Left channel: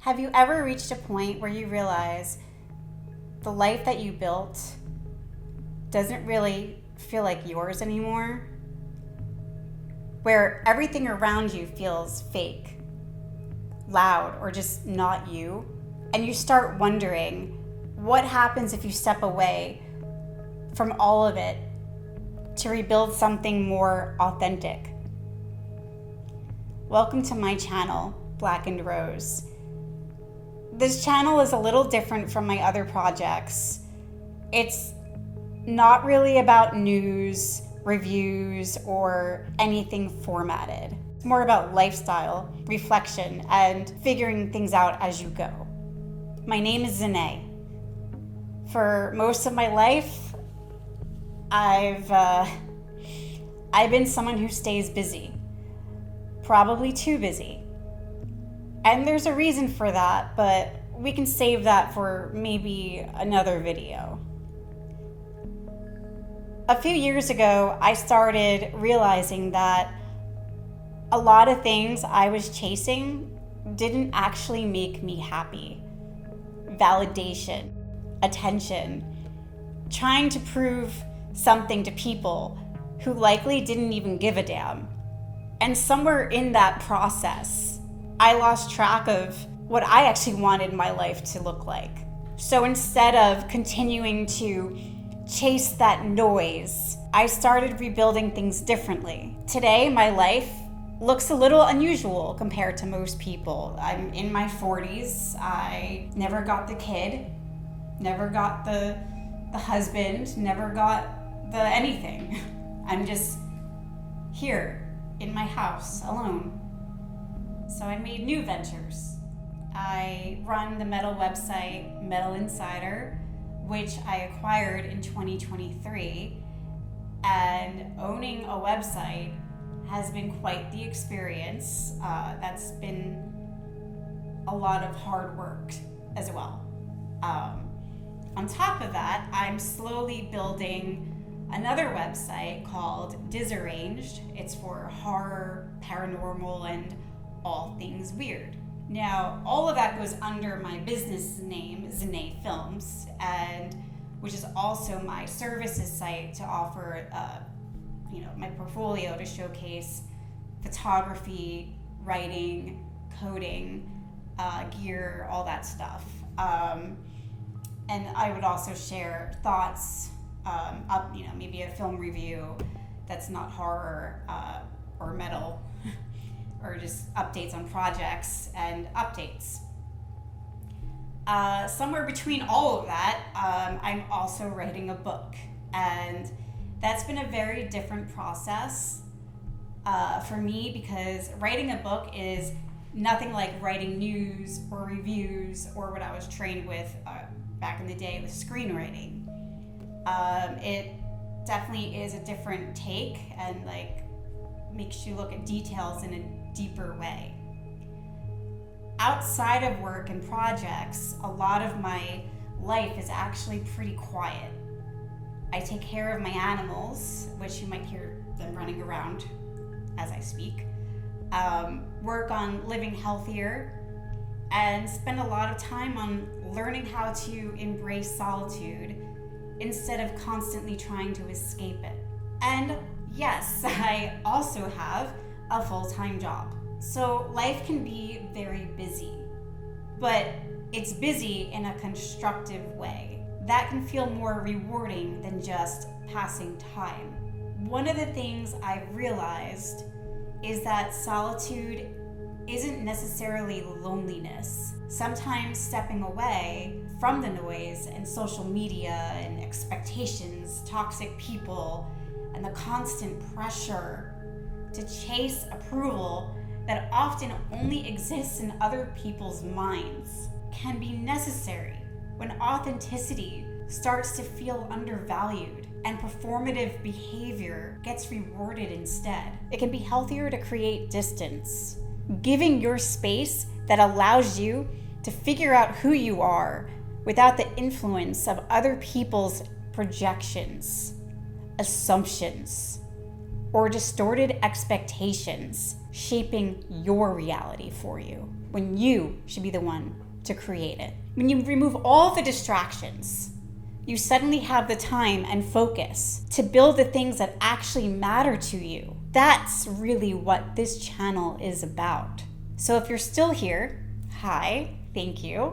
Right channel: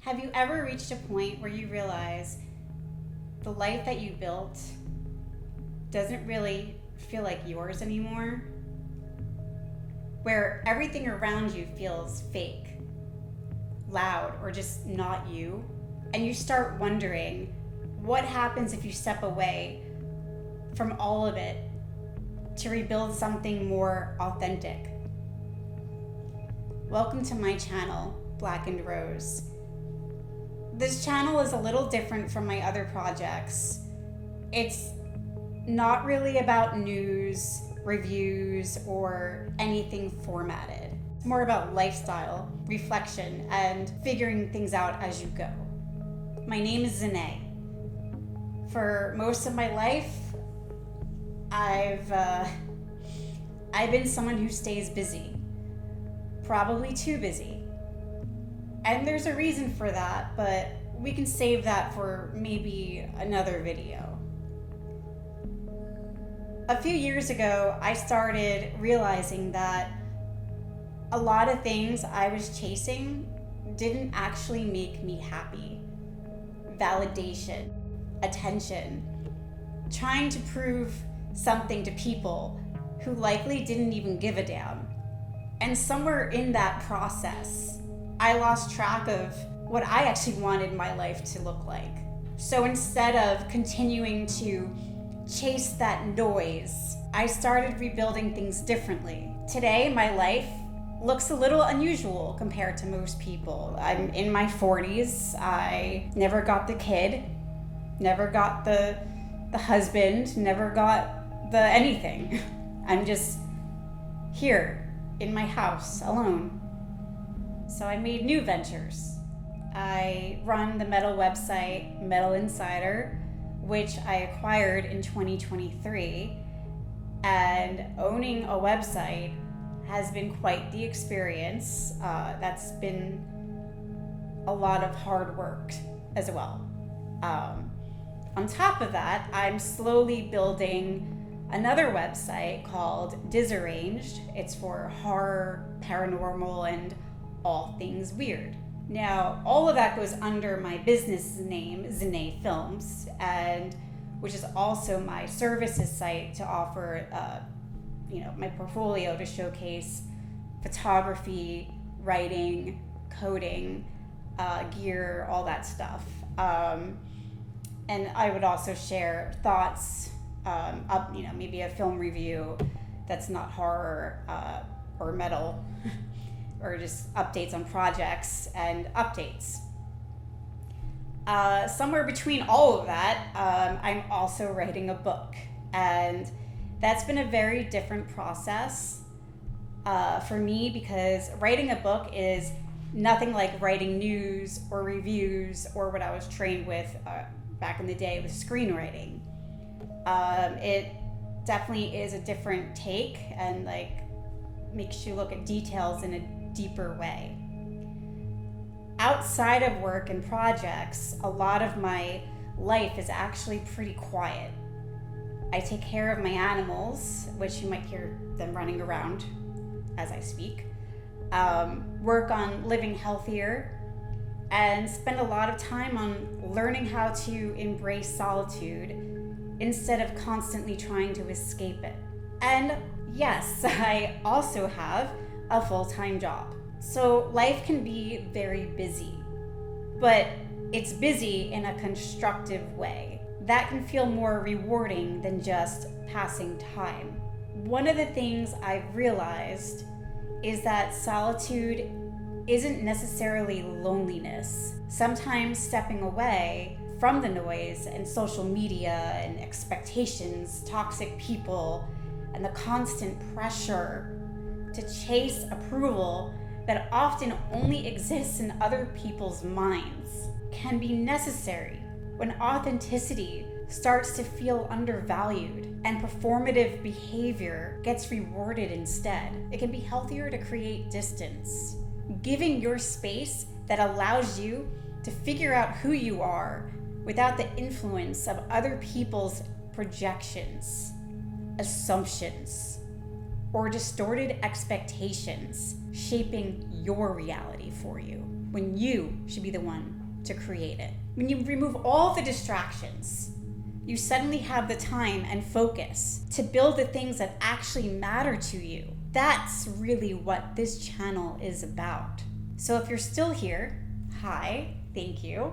Have you ever reached a point where you realize the life that you built doesn't really feel like yours anymore? Where everything around you feels fake, loud, or just not you? And you start wondering, what happens if you step away from all of it to rebuild something more authentic? Welcome to my channel, BlackenedRoze. This channel is a little different from my other projects. It's not really about news, reviews, or anything formatted. It's more about lifestyle, reflection, and figuring things out as you go. My name is Zane. For most of my life, I've been someone who stays busy, probably too busy. And there's a reason for that, but we can save that for maybe another video. A few years ago, I started realizing that a lot of things I was chasing didn't actually make me happy. Validation, attention, trying to prove something to people who likely didn't even give a damn. And somewhere in that process, I lost track of what I actually wanted my life to look like. So instead of continuing to chase that noise, I started rebuilding things differently. Today, my life looks a little unusual compared to most people. I'm in my 40s. I never got the kid, never got the husband, never got the anything. I'm just here in my house alone. So I made new ventures. I run the metal website, Metal Insider, which I acquired in 2023. And owning a website has been quite the experience. That's been a lot of hard work as well. On top of that, I'm slowly building another website called Disarranged. It's for horror, paranormal, and all things weird. Now, all of that goes under my business name, Zane Films, and which is also my services site to offer, my portfolio to showcase photography, writing, coding, gear, all that stuff. And I would also share thoughts, maybe a film review that's not horror or metal. Or just updates on projects and updates. Somewhere between all of that, I'm also writing a book. And that's been a very different process for me, because writing a book is nothing like writing news or reviews or what I was trained with back in the day with screenwriting. It definitely is a different take and makes you look at details in a deeper way. Outside of work and projects, a lot of my life is actually pretty quiet. I take care of my animals, which you might hear them running around as I speak, work on living healthier, and spend a lot of time on learning how to embrace solitude instead of constantly trying to escape it. And yes, I also have a full-time job. So life can be very busy, but it's busy in a constructive way. That can feel more rewarding than just passing time. One of the things I've realized is that solitude isn't necessarily loneliness. Sometimes stepping away from the noise and social media and expectations, toxic people, and the constant pressure to chase approval that often only exists in other people's minds can be necessary when authenticity starts to feel undervalued and performative behavior gets rewarded instead. It can be healthier to create distance, giving your space that allows you to figure out who you are without the influence of other people's projections, assumptions, or distorted expectations shaping your reality for you. when you should be the one to create it. When you remove all the distractions, you suddenly have the time and focus to build the things that actually matter to you. That's really what this channel is about. So if you're still here, hi, thank you.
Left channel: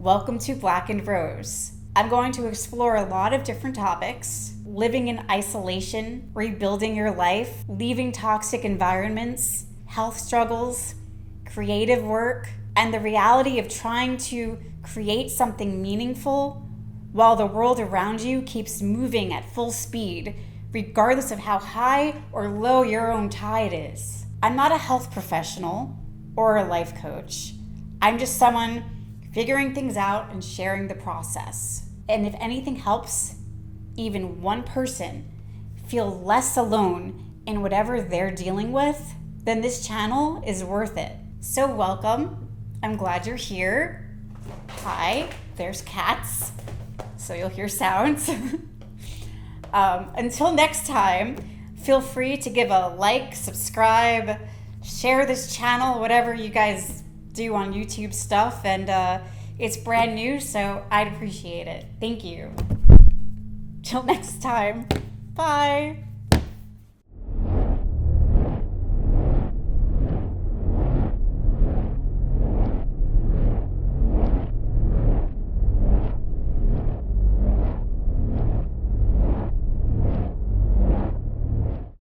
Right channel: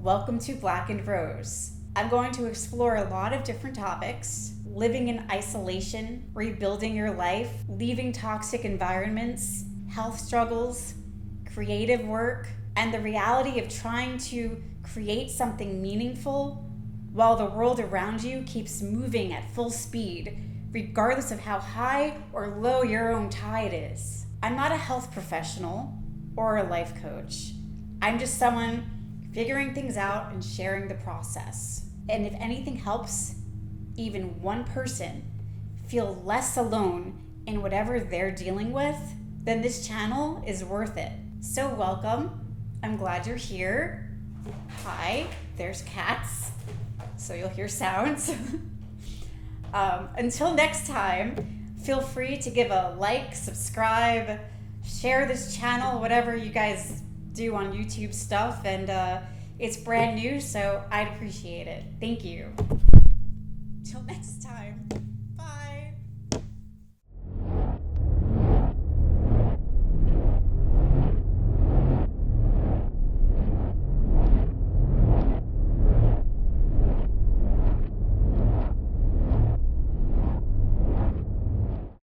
Welcome to BlackenedRoze. I'm going to explore a lot of different topics: living in isolation, rebuilding your life, leaving toxic environments, health struggles, creative work, and the reality of trying to create something meaningful while the world around you keeps moving at full speed, regardless of how high or low your own tide is. I'm not a health professional or a life coach. I'm just someone figuring things out and sharing the process. And if anything helps even one person feel less alone in whatever they're dealing with, then this channel is worth it. So welcome. I'm glad you're here. Hi, there's cats, so you'll hear sounds. Until next time, feel free to give a like, subscribe, share this channel, whatever you guys do on YouTube stuff, and it's brand new, so I'd appreciate it. Thank you. Till next time, bye.